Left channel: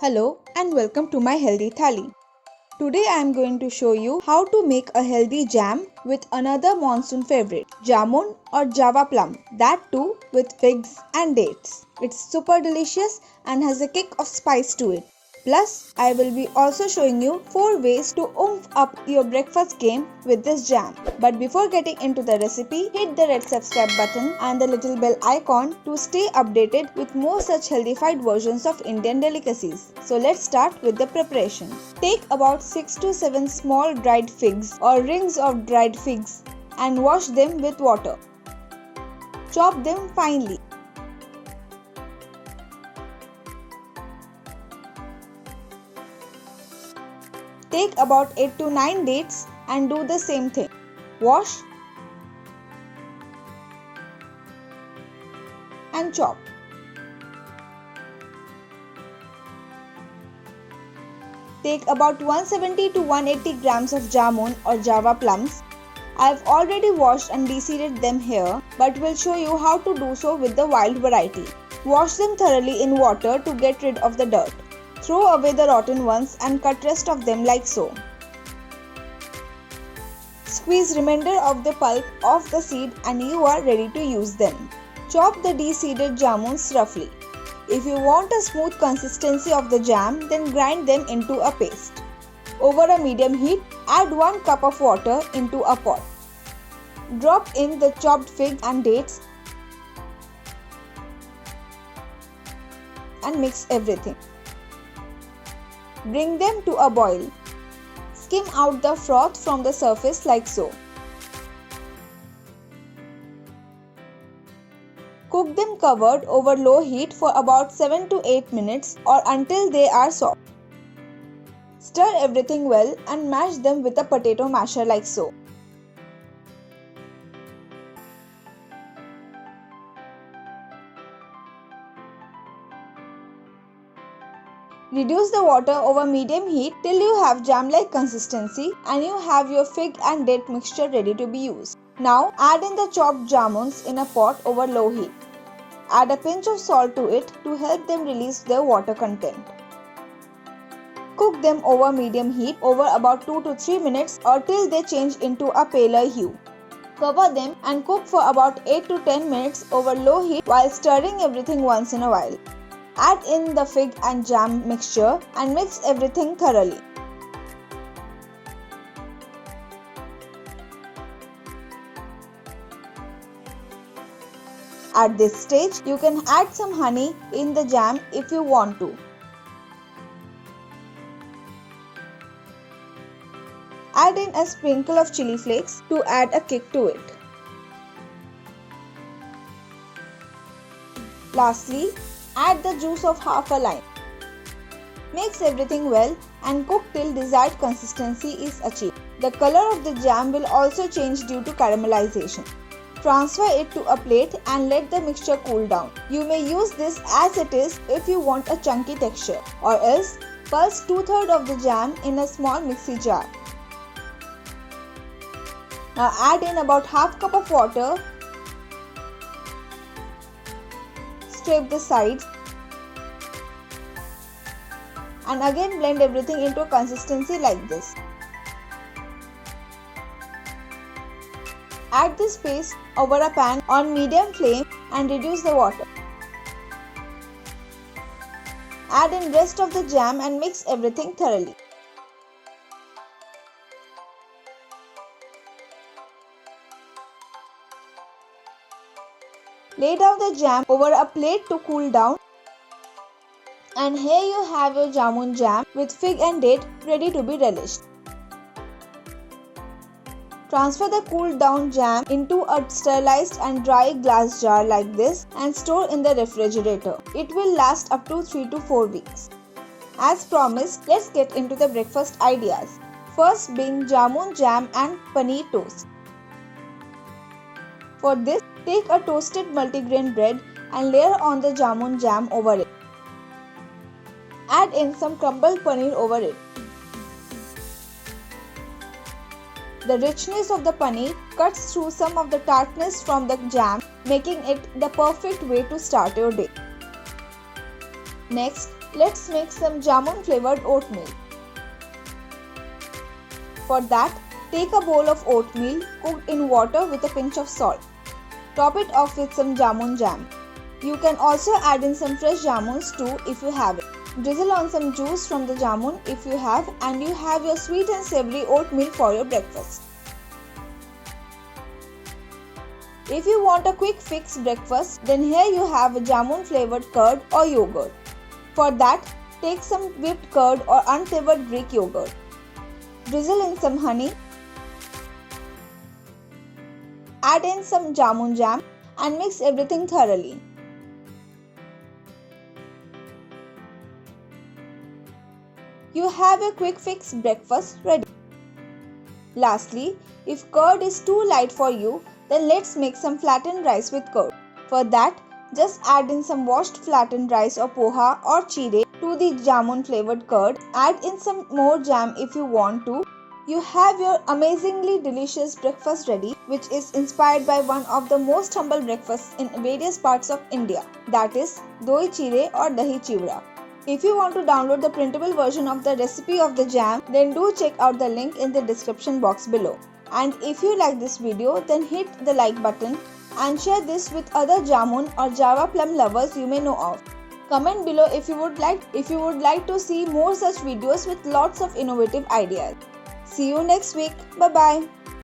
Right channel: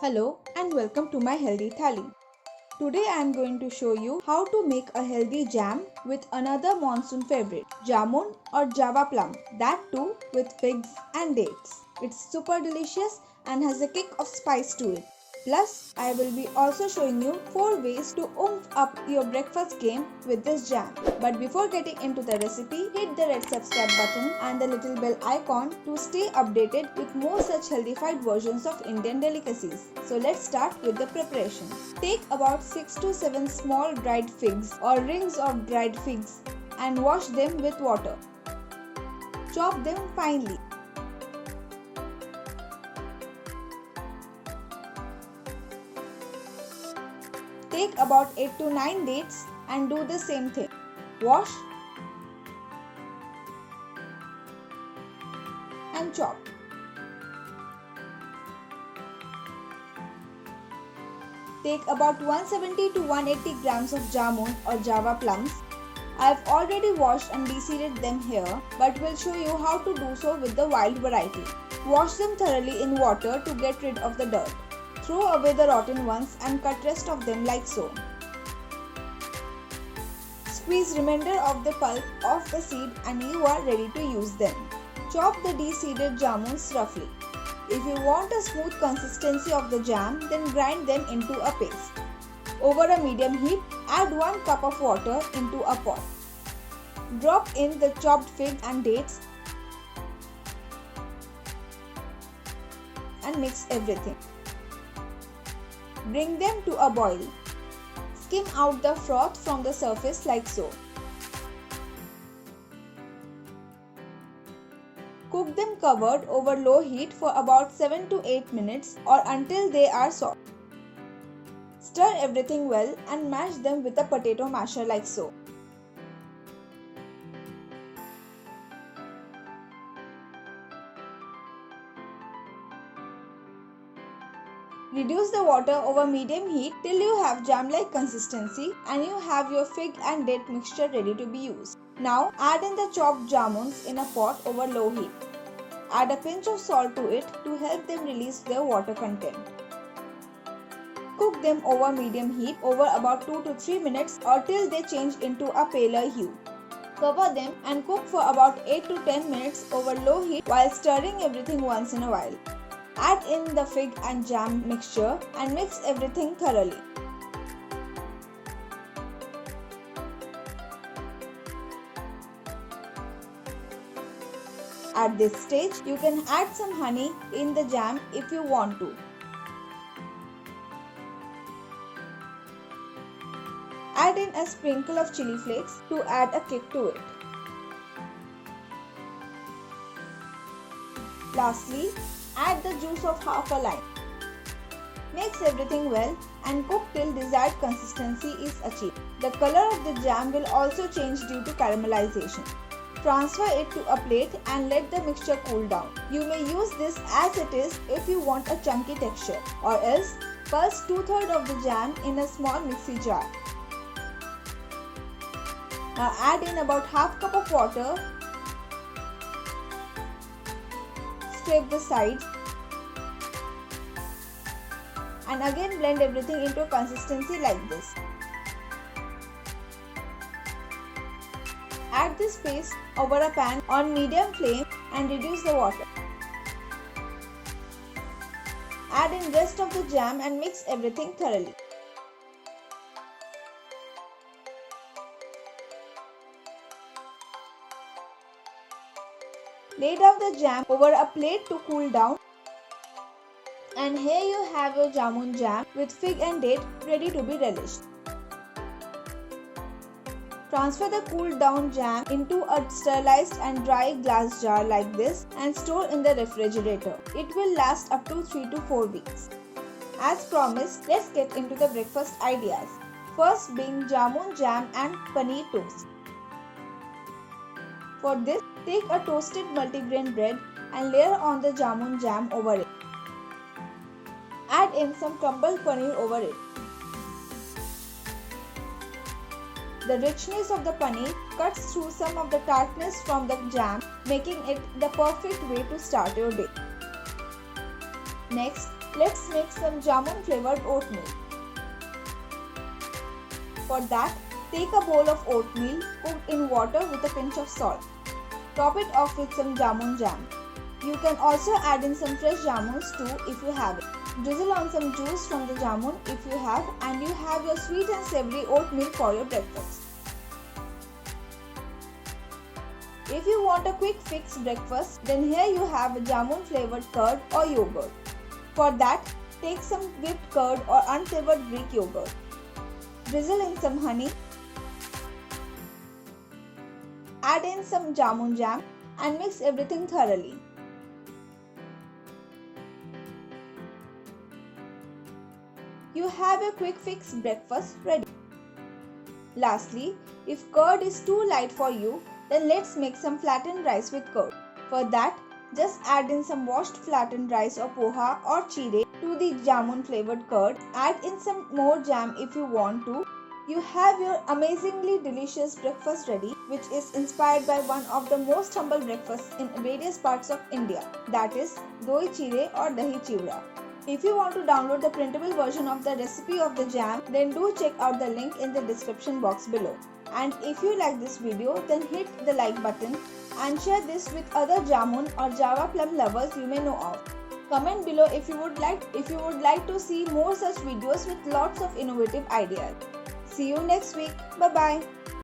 Hello and welcome to my healthy thali. Today I am going to show you how to make a healthy jam with another monsoon favorite, jamun or java plum, that too with figs and dates. It's super delicious and has a kick of spice to it. Plus, I will be also showing you 4 ways to oomph up your breakfast game with this jam. But before getting into the recipe, hit the red subscribe button and the little bell icon to stay updated with more such healthified versions of Indian delicacies. So let's start with the preparation. Take about 6 to 7 small dried figs or rings of dried figs and wash them with water. Chop them finely. Take about 8 to 9 dates and do the same thing. Wash and chop. Take about 170 to 180 grams of jamun or java plums. I have already washed and de-seeded them here, but will show you how to do so with the wild variety. Wash them thoroughly in water to get rid of the dirt. Throw away the rotten ones and cut rest of them like so. Squeeze remainder of the pulp off the seed and you are ready to use them. Chop the de-seeded jamuns roughly. If you want a smooth consistency of the jam, then grind them into a paste. Over a medium heat, add 1 cup of water into a pot. Drop in the chopped fig and dates and mix everything. Bring them to a boil. Skim out the froth from the surface like so. Cook them covered over low heat for about 7 to 8 minutes or until they are soft. Stir everything well and mash them with a potato masher like so. Reduce the water over medium heat till you have jam-like consistency and you have your fig and date mixture ready to be used. Now add in the chopped jamuns in a pot over low heat. Add a pinch of salt to it to help them release their water content. Cook them over medium heat over about 2 to 3 minutes or till they change into a paler hue. Cover them and cook for about 8 to 10 minutes over low heat while stirring everything once in a while. Add in the fig and jam mixture and mix everything thoroughly. At this stage, you can add some honey in the jam if you want to. Add in a sprinkle of chili flakes to add a kick to it. Lastly, add the juice of half a lime. Mix everything well and cook till desired consistency is achieved. The color of the jam will also change due to caramelization. Transfer it to a plate and let the mixture cool down. You may use this as it is if you want a chunky texture, or else pulse 2/3 of the jam in a small mixie jar. Now add in about half cup of water. Scrape the sides and again blend everything into a consistency like this. Add this paste over a pan on medium flame and reduce the water. Add in rest of the jam and mix everything thoroughly. Lay down the jam over a plate to cool down. And here you have your jamun jam with fig and date ready to be relished. Transfer the cooled down jam into a sterilized and dry glass jar like this and store in the refrigerator. It will last up to 3 to 4 weeks. As promised, let's get into the breakfast ideas. First being jamun jam and paneer toast. For this, take a toasted multigrain bread and layer on the jamun jam over it. Add in some crumbled paneer over it. The richness of the paneer cuts through some of the tartness from the jam, making it the perfect way to start your day. Next, Let's make some jamun flavored oatmeal. For that, take a bowl of oatmeal cooked in water with a pinch of salt. Top it off with some jamun jam. You can also add in some fresh jamuns too if you have it. Drizzle on some juice from the jamun if you have, and you have your sweet and savory oatmeal for your breakfast. If you want a quick fix breakfast, then here you have a jamun flavored curd or yogurt. For that, take some whipped curd or unflavored Greek yogurt. Drizzle in some honey. Add in some jamun jam and mix everything thoroughly. You have a quick fix breakfast ready. Lastly, if curd is too light for you, then let's make some flattened rice with curd. For that, just add in some washed flattened rice or poha or chire to the jamun flavored curd. Add in some more jam if you want to. You have your amazingly delicious breakfast ready, which is inspired by one of the most humble breakfasts in various parts of India, that is doi chire or dahi chivra. If you want to download the printable version of the recipe of the jam, then do check out the link in the description box below. And if you like this video, then hit the like button and share this with other jamun or java plum lovers you may know of. Comment below if you would like to see more such videos with lots of innovative ideas. See you next week. Bye bye.